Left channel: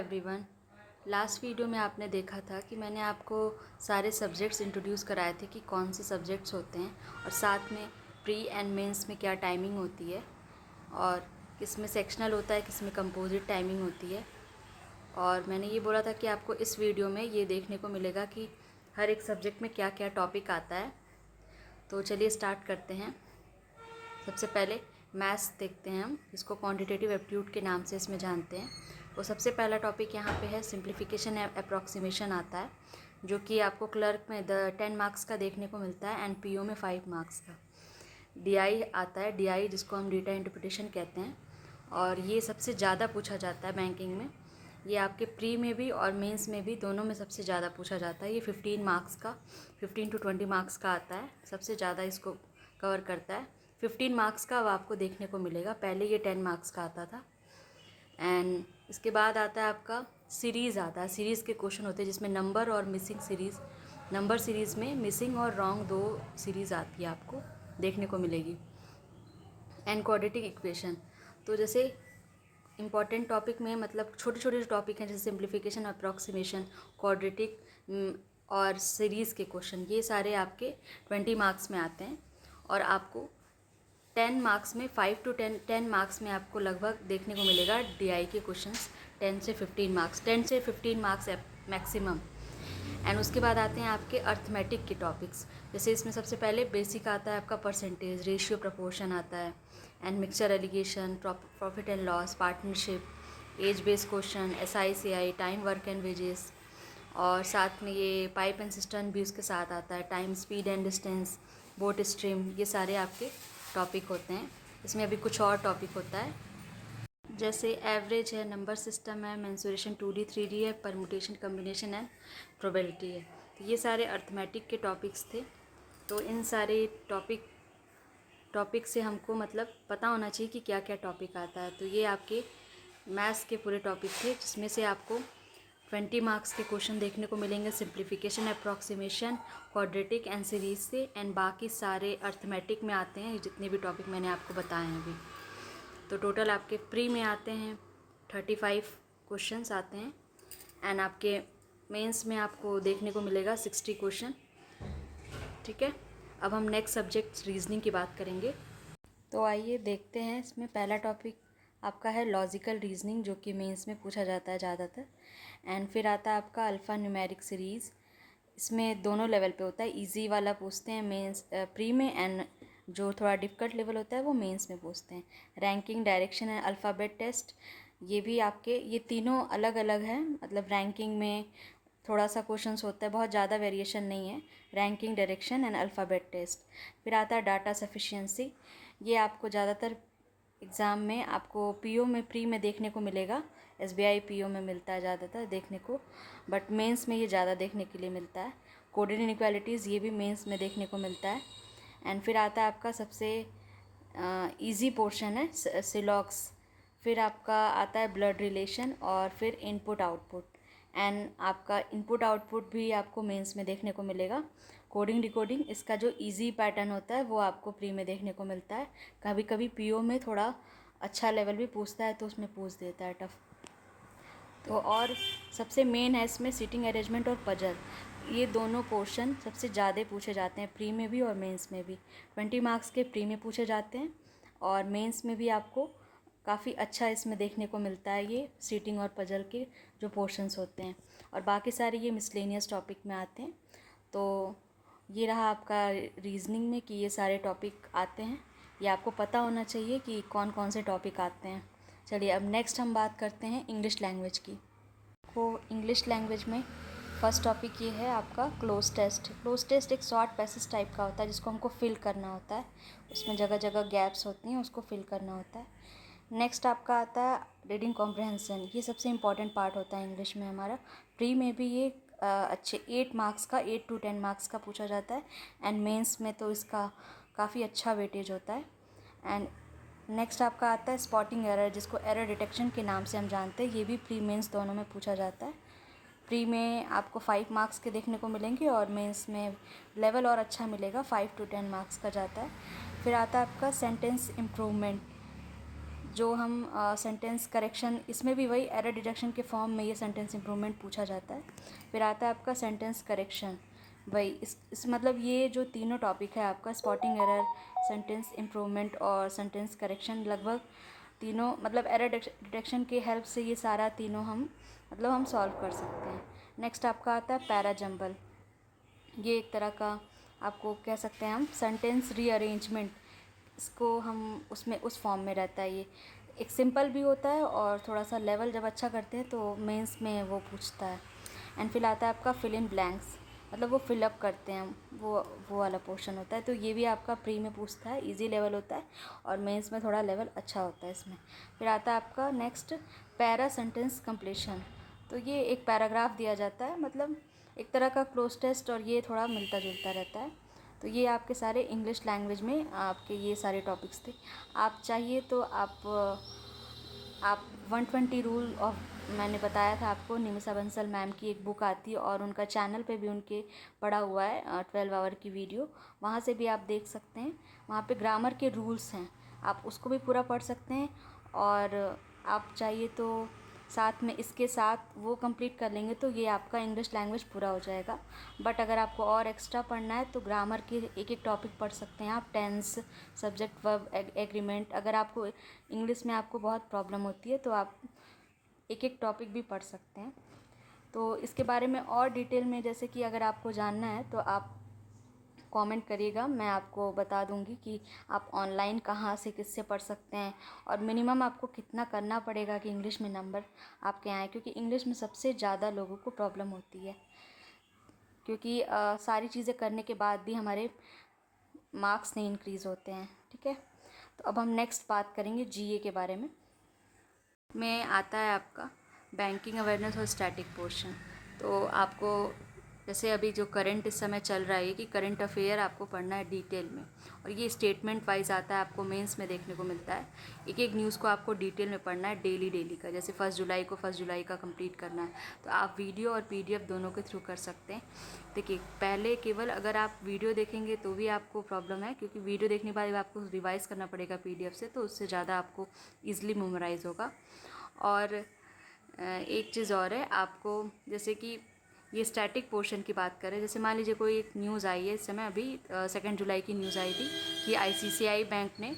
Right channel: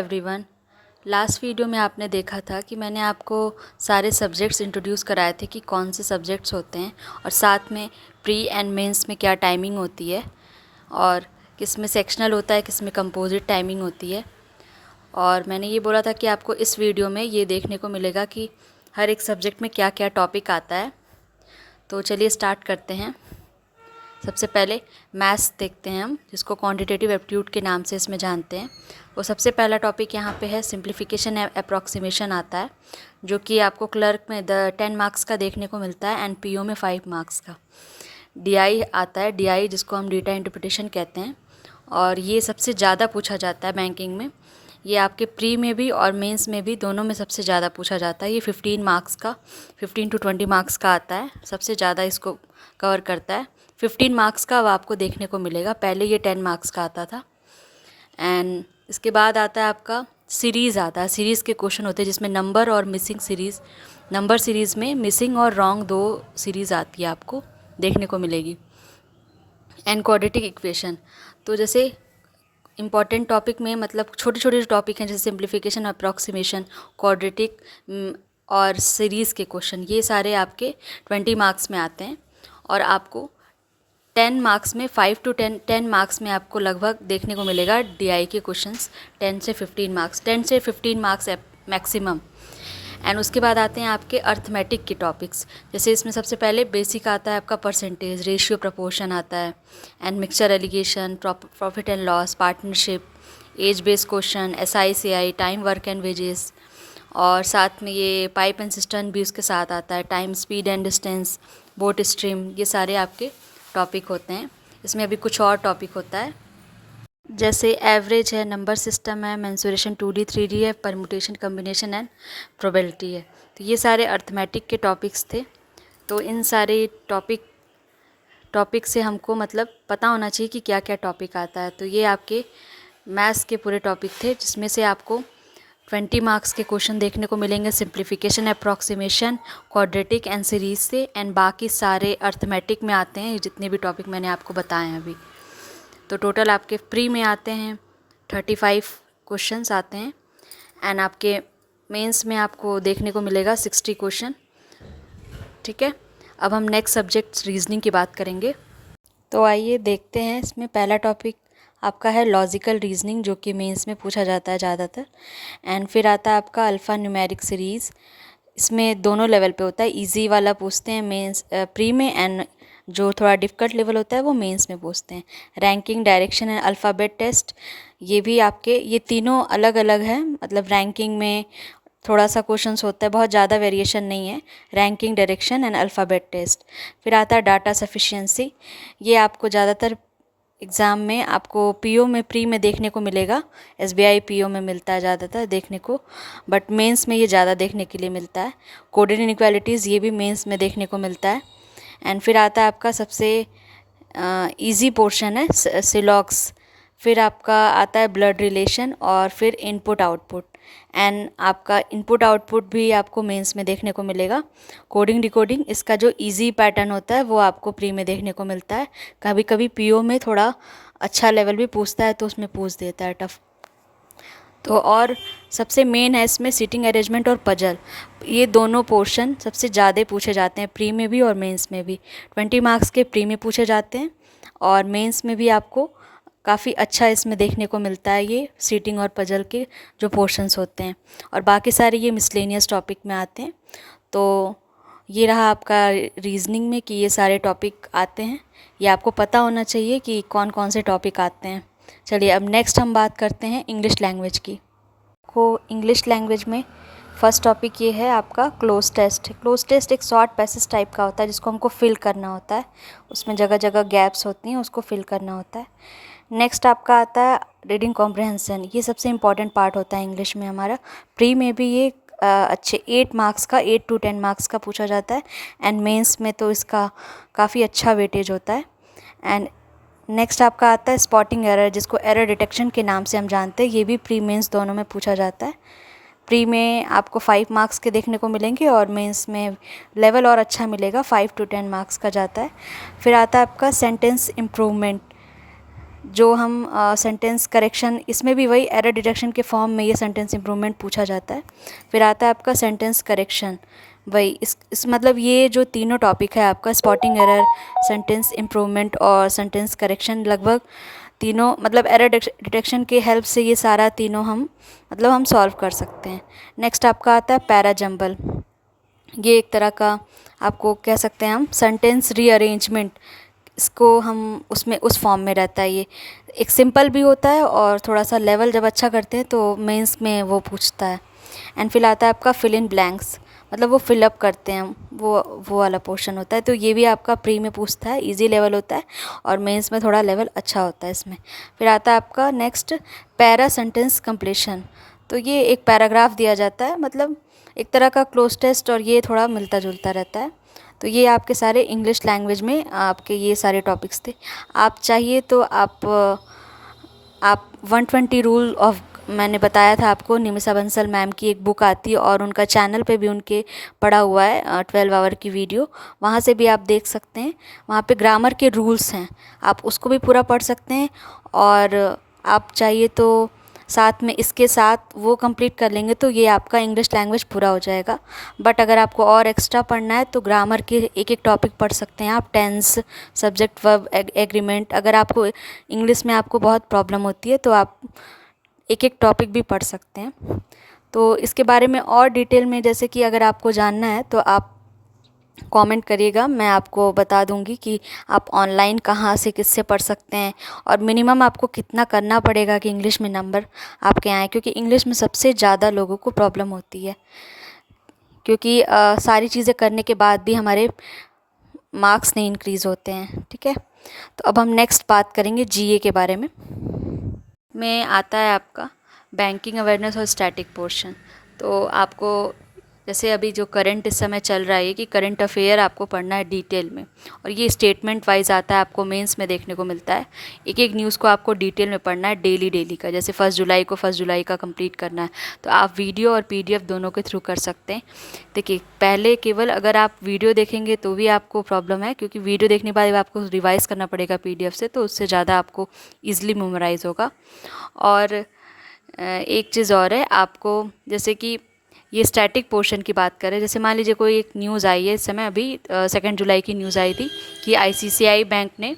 Everyone. Last video में आपने देखा था कि मैंने आपको सारे सब्जेक्ट्स इंट्रोड्यूस कराए थे कि कौन से सब्जेक्ट्स होते हैं और साथ में प्री एंड मेंस में क्या टाइमिंग होती है और किस में सेक्शनल होता है, किस में कंपोजिट टाइमिंग होती है। और मैंने ये बोला था कि आपको इस वीडियो में ये देखने को मिलेगा कि हर एक सब्जेक्ट में क्या क्या टॉपिक आता है। तो चलिए स्टार्ट करते हैं। सबसे पहले मैथ्स देखते हैं हम, जिसको क्वांटिटेटिव एप्टीट्यूड के नाम से इसमें जानते हैं। वो सबसे पहला टॉपिक यहाँ पे है सिंप्लीफिकेशन अप्रॉक्सीमेशन आता है, जो कि आपको क्लर्क में 10 मार्क्स का देखने को मिलता है एंड पीओ में 5 मार्क्स का। डीआई आता है, डीआई जिसको हम डेटा इंटरप्रिटेशन कहते हैं, और ये सबसे ज़्यादा पूछा जाता है बैंकिंग में। ये आपके प्री में भी और मेंस में भी, दोनों में सबसे ज़्यादा पूछा जाता है। ये 15 मार्क्स का, 15 to 20 मार्क्स का आता है, सबसे ज़्यादा इसको कवर करता है। 15 मार्क्स का अब आपको देखने को मिलेगा, पहले ये 10 मार्क्स का आता था। एंड इसके बाद आता है आपका सीरीज़ आता है। सीरीज़ के क्वेश्चन होते हैं जिसमें नंबर और मिसिंग सीरीज़, नंबर सीरीज़ में मिसिंग और रॉन्ग 2 सीरीज़ आती है, आपको देखने को मिलेगी। एंड क्वाड्रेटिक इक्वेशन, तो जैसे इम्पॉर्टेंट टॉपिक में मतलब छोटे छोटे टॉपिक हैं जैसे सिंप्लीफिकेशन, अप्रॉक्सीमेशन, क्वाड्रेटिक और सीरीज़ के क्वेश्चन, ये सारे आपके 20 मार्क्स में आते हैं। और आपको 10 मार्क्स में 5 to 10 मार्क्स में आपको लगभग देखने को मिलेगा डीआई के क्वेश्चंस। 10 से 15 मार्क्स, 10 से 15 मार्क्स मैक्सिमम। एंड उसके बाद आते हैं आपके अर्थमेटिक के टॉपिक्स। जैसे इसमें सबसे पहले बेसिक आता है आपका परसेंटेज, रेशियो, प्रपोर्शन आता है, and mixture allegation, profit and loss, partnership, age based question, SI CI, time, work and wages, और साथ में ये पाइप एंड सिस्टम भी उसके साथ आता है, time, speed and distance, boat stream, ये सारे आपके टॉपिक होते हैं। इसमें अभी कुछ और टॉपिक होता है जैसे एवरेज है, नंबर सिस्टम है, मेंसुरेशन 2D 3D है, परमुटेशन, कम्बिनेशन एंड प्रोबेबिलिटी है। तो ये सारे अर्थमेटिक के टॉपिक्स थे। तो इन सारे टॉपिक से हमको मतलब पता होना चाहिए कि क्या क्या टॉपिक आता है। तो ये आपके मैथ्स के पूरे टॉपिक थे, जिसमें से आपको 20 मार्क्स के क्वेश्चन देखने को मिलेंगे simplification, approximation, quadratic and series से, एंड बाकी सारे अर्थमेटिक में आते हैं जितने भी टॉपिक मैंने आपको बताए हैं अभी। तो टोटल आपके प्री में आते हैं 35 क्वेश्चंस आते हैं, एंड आपके मेंस में आपको देखने को मिलेगा 60 क्वेश्चन। ठीक है, अब हम नेक्स्ट सब्जेक्ट रीजनिंग की बात करेंगे। तो आइए देखते हैं। इसमें पहला टॉपिक आपका है लॉजिकल रीजनिंग, जो कि मेंस में पूछा जाता है ज़्यादातर। एंड फिर आता है आपका अल्फ़ा न्यूमेरिक सीरीज़। इसमें दोनों लेवल पे होता है, इजी वाला पूछते हैं मेंस प्री में, एंड जो थोड़ा डिफ़िकल्ट लेवल होता है वो मेंस में पूछते हैं। Ranking, direction and alphabet test, ये भी आपके, ये तीनों अलग अलग हैं। मतलब रैंकिंग में थोड़ा सा क्वेश्चंस होता है, बहुत ज़्यादा वेरिएशन नहीं है। Ranking, direction and alphabet test. फिर आता है डाटा सफिशिएंसी, ये आपको ज़्यादातर एग्ज़ाम में आपको पीओ में, प्री में देखने को मिलेगा। SBI पीओ में मिलता है ज़्यादातर देखने को, बट मेंस में ये ज़्यादा देखने के लिए मिलता है। कोडेड इनइक्वालिटीज़, ये भी मेंस में देखने को मिलता है। एंड फिर आता है आपका सबसे इजी पोर्शन है सिलॉक्स। फिर आपका आता है ब्लड रिलेशन, और फिर इनपुट आउटपुट। एंड आपका इनपुट आउटपुट भी आपको मेंस में देखने को मिलेगा। कोडिंग डिकोडिंग, इसका जो इजी पैटर्न होता है वो आपको प्री में देखने को मिलता है। कभी कभी पीओ में थोड़ा अच्छा लेवल भी पूछता है तो उसमें पूछ देता है टफ। तो और सबसे मेन है इसमें सीटिंग अरेंजमेंट और पजल, ये दोनों पोर्शन सबसे ज़्यादा पूछे जाते हैं प्री में भी और मेंस में भी। 20 मार्क्स के प्री में पूछे जाते हैं, और मेंस में भी आपको काफ़ी अच्छा इसमें देखने को मिलता है ये सीटिंग और पजल के जो पोर्शंस होते हैं। और बाकी सारे ये मिसलेनियस टॉपिक में आते हैं। तो ये रहा आपका रीजनिंग में कि ये सारे टॉपिक आते हैं। ये आपको पता होना चाहिए कि कौन कौन से टॉपिक आते हैं। चलिए अब नेक्स्ट हम बात करते हैं इंग्लिश लैंग्वेज की। को इंग्लिश लैंग्वेज में फर्स्ट टॉपिक ये है आपका क्लोज टेस्ट। क्लोज टेस्ट एक शॉर्ट पैसेज टाइप का होता है जिसको हमको फिल करना होता है। उसमें जगह जगह गैप्स होती हैं, उसको फिल करना होता है। नेक्स्ट आपका आता है रीडिंग कॉम्प्रहेंसन, ये सबसे इंपॉर्टेंट पार्ट होता है इंग्लिश में हमारा। प्री में भी ये अच्छे 8 मार्क्स का, 8 to 10 मार्क्स का पूछा जाता है, एंड मेंस में तो इसका काफ़ी अच्छा वेटेज होता है। एंड नेक्स्ट आपका आता है स्पॉटिंग एरर, जिसको एरर डिटेक्शन के नाम से हम जानते हैं। ये भी प्री मेंस दोनों में पूछा जाता है। प्री में आपको 5 मार्क्स के देखने को मिलेंगे, और मेंस में लेवल और अच्छा मिलेगा, 5 to 10 मार्क्स का जाता है। फिर आता है आपका सेंटेंस इम्प्रूवमेंट, जो हम सेंटेंस करेक्शन, इसमें भी वही एरर डिटेक्शन के फॉर्म में ये सेंटेंस इम्प्रूवमेंट पूछा जाता है। फिर आता है आपका सेंटेंस करेक्शन, वही इस मतलब ये जो तीनों टॉपिक है आपका, स्पॉटिंग एरर, सेंटेंस इम्प्रूवमेंट और सेंटेंस करेक्शन, लगभग तीनों मतलब एरर डिटेक्शन के हेल्प से ये सारा तीनों हम सॉल्व कर सकते हैं। नेक्स्ट आपका आता है पैरा जंबल। ये एक तरह का आपको कह सकते हैं हम सेंटेंस रीअरेंजमेंट, इसको हम उसमें उस फॉर्म में रहता है। ये एक सिंपल भी होता है और थोड़ा सा लेवल जब अच्छा करते हैं तो मेंस में वो पूछता है। एंड फिर आता है आपका फिल इन ब्लैंक्स, मतलब वो फिलअप करते हैं, वो वाला पोर्शन होता है। तो ये भी आपका प्री में पूछता है, इजी लेवल होता है और मेंस में थोड़ा लेवल अच्छा होता है इसमें। फिर आता है आपका नेक्स्ट पैरा सेंटेंस कंप्लीशन। तो ये एक पैराग्राफ दिया जाता है, मतलब एक तरह का क्लोज टेस्ट, और ये थोड़ा मिलता जुलता रहता है। तो ये आपके सारे इंग्लिश लैंग्वेज में आपके ये सारे टॉपिक्स थे। आप चाहिए तो आप 120 रूल ऑफ, मैंने बताया था आपको, निमिषा बंसल मैम की एक बुक आती है और उनका चैनल पे भी उनके पड़ा हुआ है 12 आवर की वीडियो, वहाँ से भी आप देख सकते हैं। वहाँ पे ग्रामर के रूल्स हैं, आप उसको भी पूरा पढ़ सकते हैं। और आप चाहिए तो साथ में इसके साथ वो कंप्लीट कर लेंगे तो ये आपका इंग्लिश लैंग्वेज पूरा हो जाएगा। बट अगर आपको और एक्स्ट्रा पढ़ना है तो ग्रामर के एक एक टॉपिक पढ़ सकते हैं आप, टेंस, सब्जेक्ट वर्ब एग्रीमेंट। अगर आपको इंग्लिश में आपको बहुत प्रॉब्लम होती है तो आप एक एक टॉपिक भी पढ़ सकते हैं। तो इसके बारे में और डिटेल में जैसे कि अगर आपको जानना है तो आप कमेंट करिएगा, मैं आपको बता दूंगी कि आप ऑनलाइन कहाँ से किससे पढ़ सकते हैं और मिनिमम आपको कितना करना पड़ेगा कि इंग्लिश में नंबर आपके आएँ, क्योंकि इंग्लिश में सबसे ज़्यादा लोगों को प्रॉब्लम होती है, क्योंकि सारी चीज़ें करने के बाद भी हमारे मार्क्स नहीं इंक्रीज़ होते हैं। ठीक है, तो अब हम नेक्स्ट बात करेंगे जीए के बारे में आता है आपका बैंकिंग अवेयरनेस और स्टैटिक पोर्शन। तो आपको जैसे अभी जो करंट इस समय चल रहा है कि करंट अफेयर आपको पढ़ना है डिटेल में, और ये स्टेटमेंट वाइज आता है, आपको मेंस में देखने को मिलता है। एक एक न्यूज़ को आपको डिटेल में पढ़ना है, डेली का। जैसे 1 जुलाई को 1 जुलाई का कंप्लीट करना है, तो आप वीडियो और पीडीएफ दोनों के थ्रू कर सकते हैं। देखिए, पहले केवल अगर आप वीडियो देखेंगे तो भी आपको प्रॉब्लम है, क्योंकि वीडियो देखने के बाद आपको रिवाइज़ करना पड़ेगा पीडीएफ से, तो उससे ज़्यादा आपको ईजिली मेमोराइज़ होगा। और एक चीज़ और है, आपको जैसे कि ये स्टैटिक पोर्शन की बात करें, जैसे मान लीजिए कोई एक न्यूज़ आई है इस समय, अभी 2 जुलाई की न्यूज़ आई थी कि आईसीआईसीआई बैंक ने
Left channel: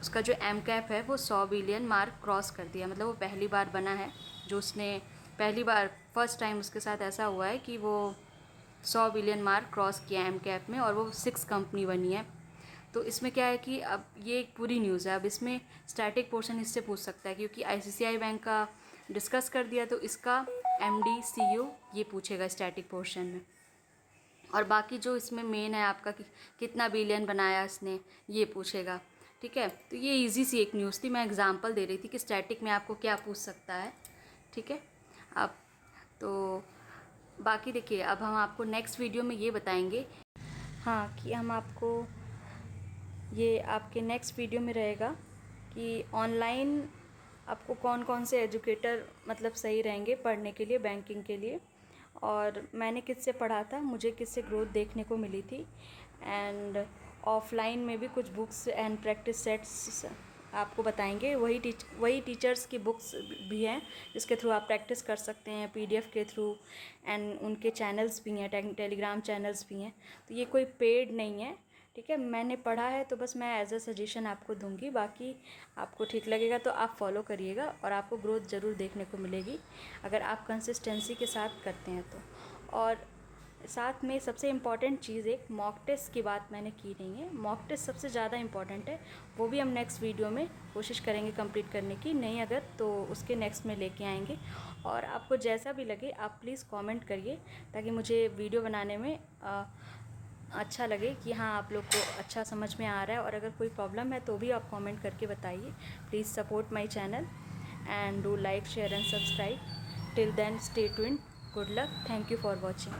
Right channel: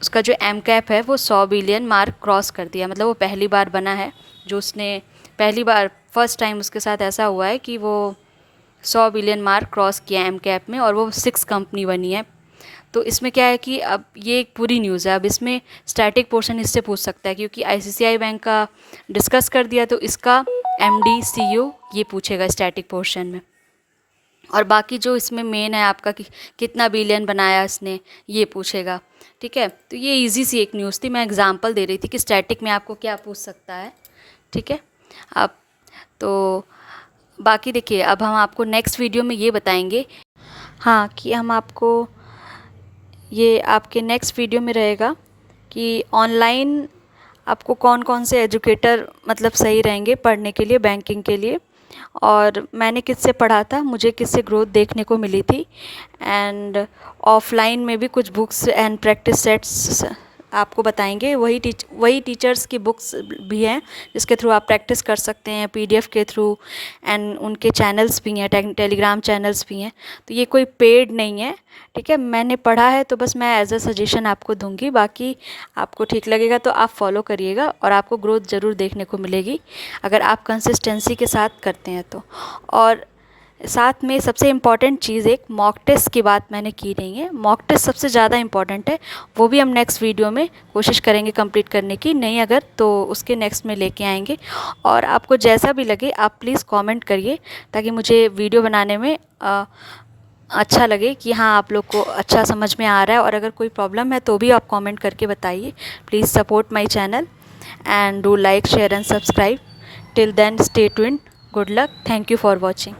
उसका जो एम कैप है वो 100 बिलियन मार्क क्रॉस कर दिया। मतलब वो पहली बार बना है, जो उसने पहली बार फर्स्ट टाइम उसके साथ ऐसा हुआ है कि वो 100 बिलियन मार्क क्रॉस किया एम कैप में, और वो 6 कंपनी बनी है। तो इसमें क्या है कि अब ये एक पूरी न्यूज़ है, अब इसमें स्टैटिक पोर्शन इससे पूछ सकता है, क्योंकि आईसीआईसीआई बैंक का डिस्कस कर दिया तो इसका एमडी सीईओ ये पूछेगा स्टैटिक पोर्शन में। और बाकी जो इसमें मेन है आपका कि कितना बिलियन बनाया इसने, ये पूछेगा। ठीक है, तो ये इजी सी एक न्यूज़ थी, मैं एग्जांपल दे रही थी कि स्टैटिक में आपको क्या पूछ सकता है। ठीक है, अब तो बाकी देखिए, अब हम आपको नेक्स्ट वीडियो में ये बताएंगे, हाँ, कि हम आपको ये आपके नेक्स्ट वीडियो में रहेगा कि ऑनलाइन आपको कौन कौन से एजुकेटर मतलब सही रहेंगे पढ़ने के लिए, बैंकिंग के लिए, और मैंने किससे पढ़ा था, मुझे किससे ग्रोथ देखने को मिली थी। एंड ऑफलाइन में भी कुछ बुक्स एंड प्रैक्टिस सेट्स आपको बताएंगे, वही टीचर्स की बुक्स भी हैं जिसके थ्रू आप प्रैक्टिस कर सकते हैं, पीडीएफ के थ्रू। एंड उनके चैनल्स भी हैं, टेलीग्राम चैनल्स भी हैं, तो ये कोई पेड नहीं है। ठीक है, मैंने पढ़ा है तो बस मैं एज अ सजेशन आपको दूंगी, बाकी आपको ठीक लगेगा तो आप फॉलो करिएगा और आपको ग्रोथ ज़रूर देखने को मिलेगी अगर आप कंसिस्टेंसी के साथ करते हैं तो। और साथ में सबसे इम्पॉर्टेंट चीज़, एक मॉक टेस्ट की बात मैंने की नहीं है, मॉक टेस्ट सबसे ज़्यादा इम्पॉर्टेंट है, वो भी हम नेक्स्ट वीडियो में कोशिश करेंगे कंप्लीट करने की, नहीं अगर तो उसके नेक्स्ट में लेके आएंगे। और आपको जैसा भी लगे आप प्लीज़ कमेंट करिए, ताकि मुझे वीडियो बनाने में अच्छा लगे कि हाँ आप लोग को अच्छा समझ में आ रहा है। और अगर कोई प्रॉब्लम है तो भी आप कमेंट करके बताइए। Please support my channel and do like, share and subscribe. Till then, stay tuned. Good luck. Thank you for watching.